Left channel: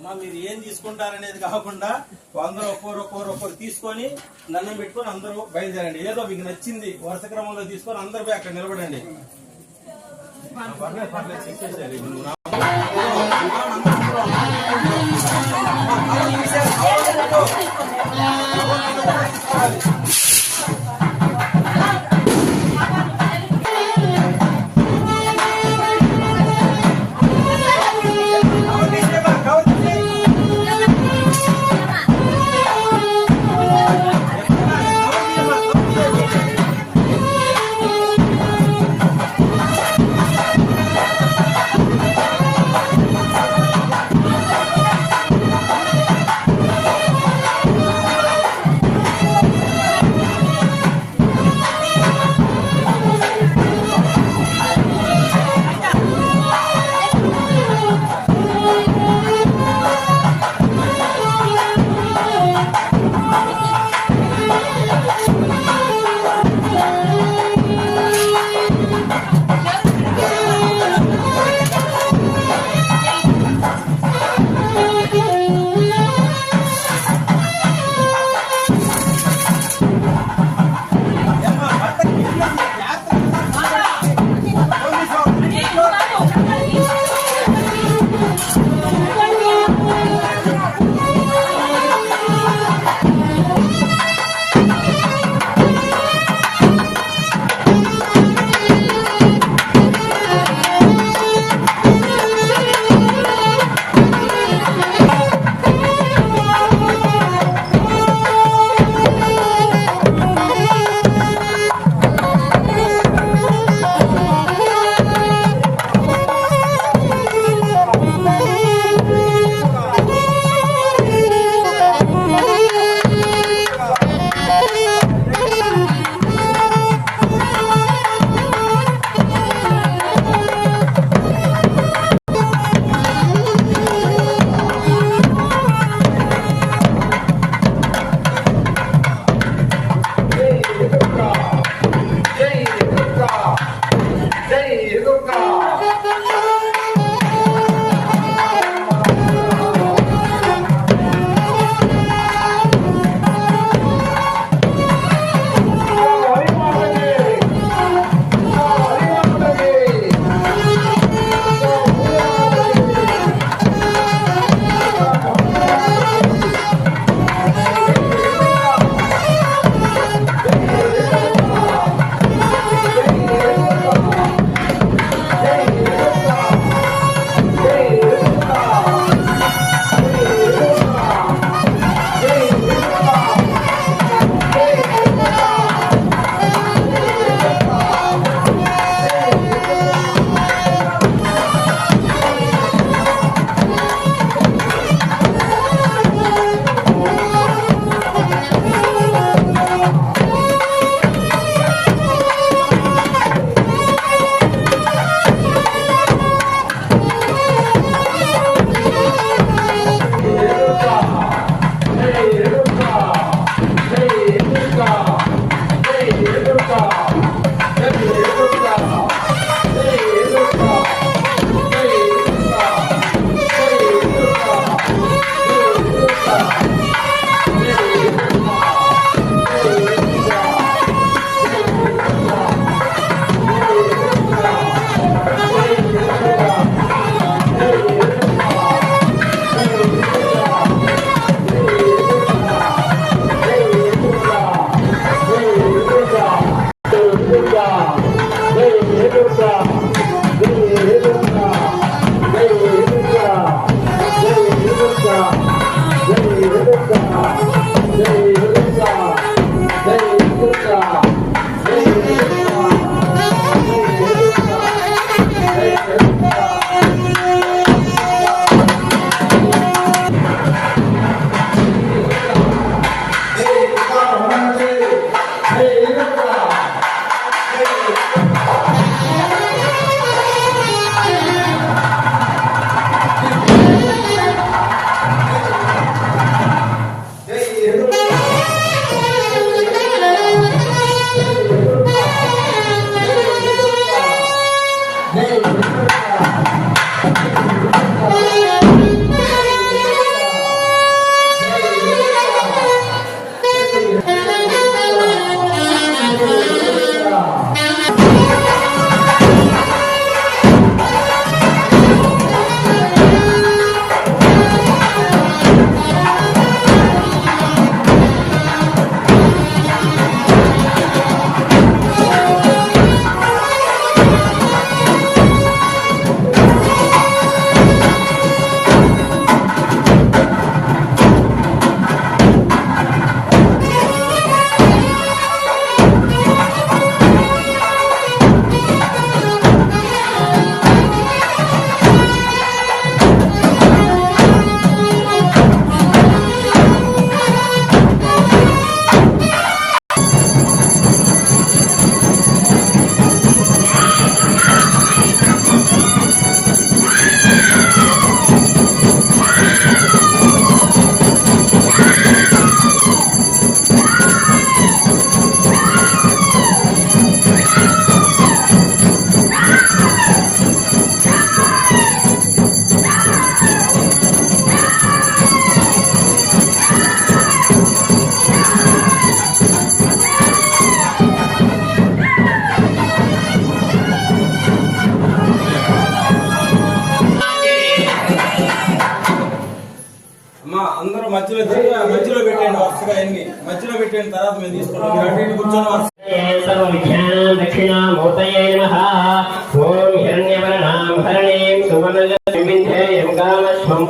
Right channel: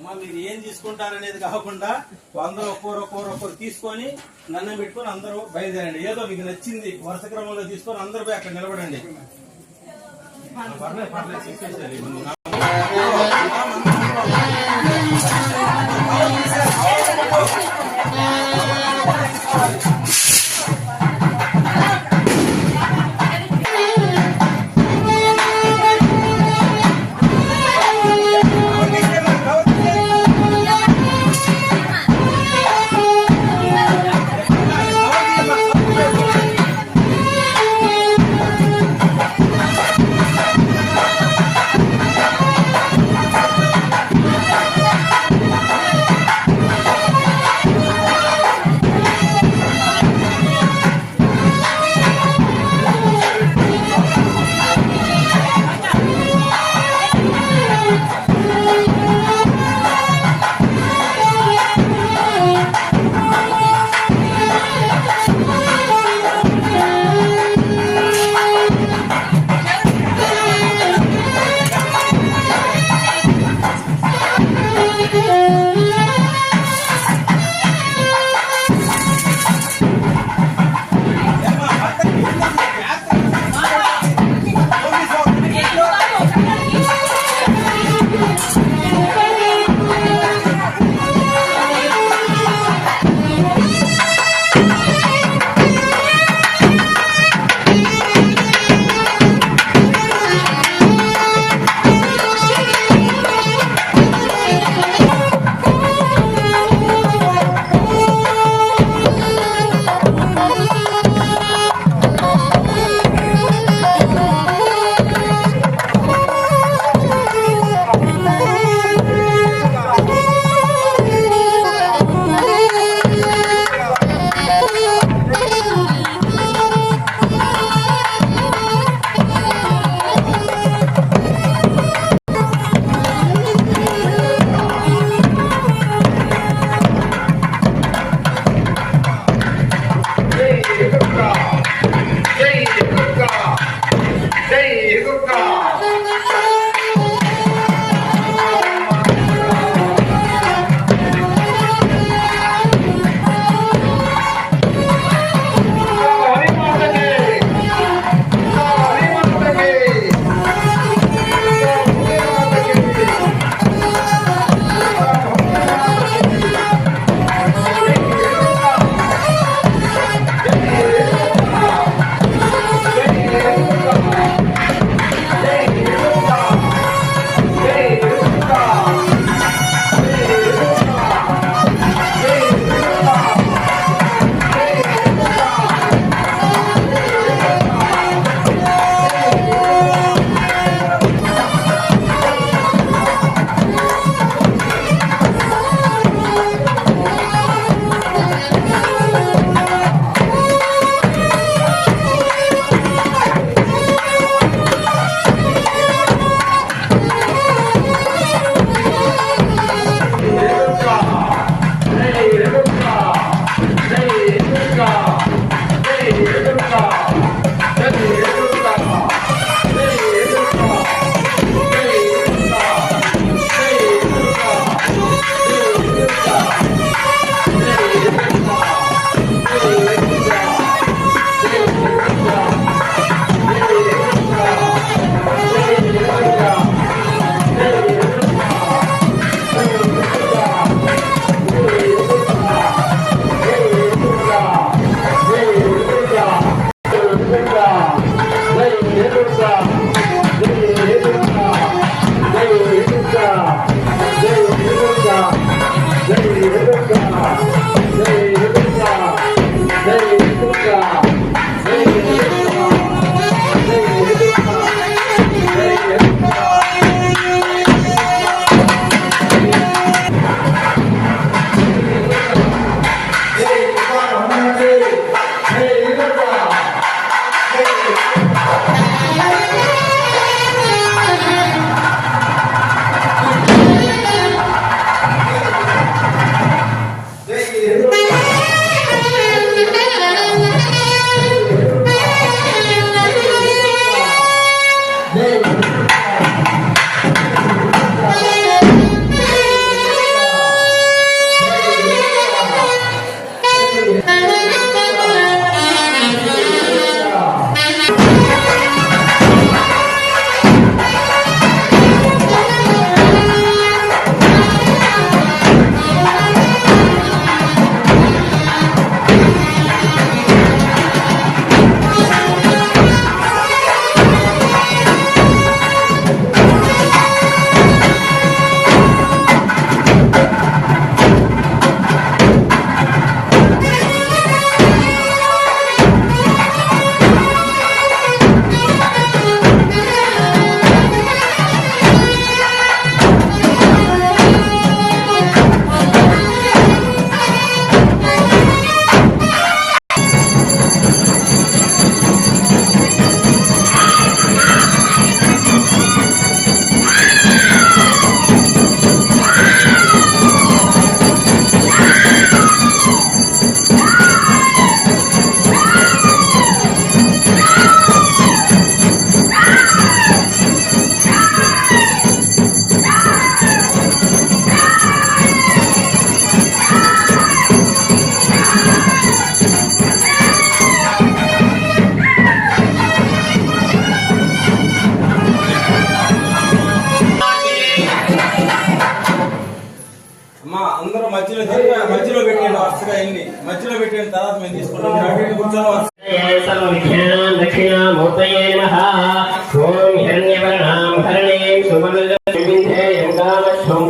అమ్మా మీరు ఏం తీసుకుంటారనేది కాకుండా అందరూ ఒక్కొరు ఒక్కొరు ఒక్కరు తీసుకొని నన్ను పెట్టుకొని అందరూ బయలుదేరండి ఏదో మీకు నచ్చింది వరుస క్రమంలో తీసుకొని అందరూ అక్కడ నిలబడండి పర్లేదు పర్లేదు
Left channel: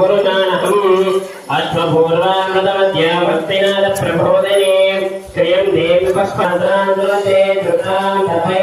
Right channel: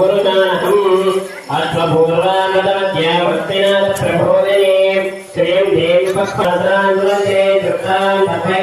పురుషాణహం అశ్వభూర్వామృతమధ్యావర్తినాథ ప్రబోధనే శ్రీయం దేవి పక్షాంతరాంగులే ధృతాం అదే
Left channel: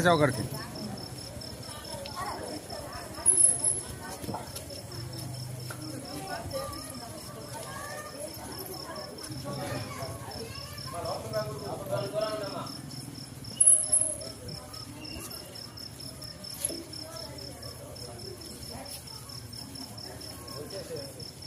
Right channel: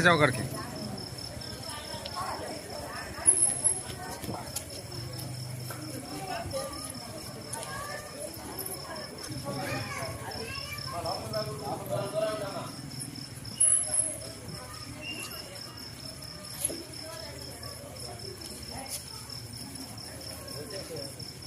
खिंचाव करते हैं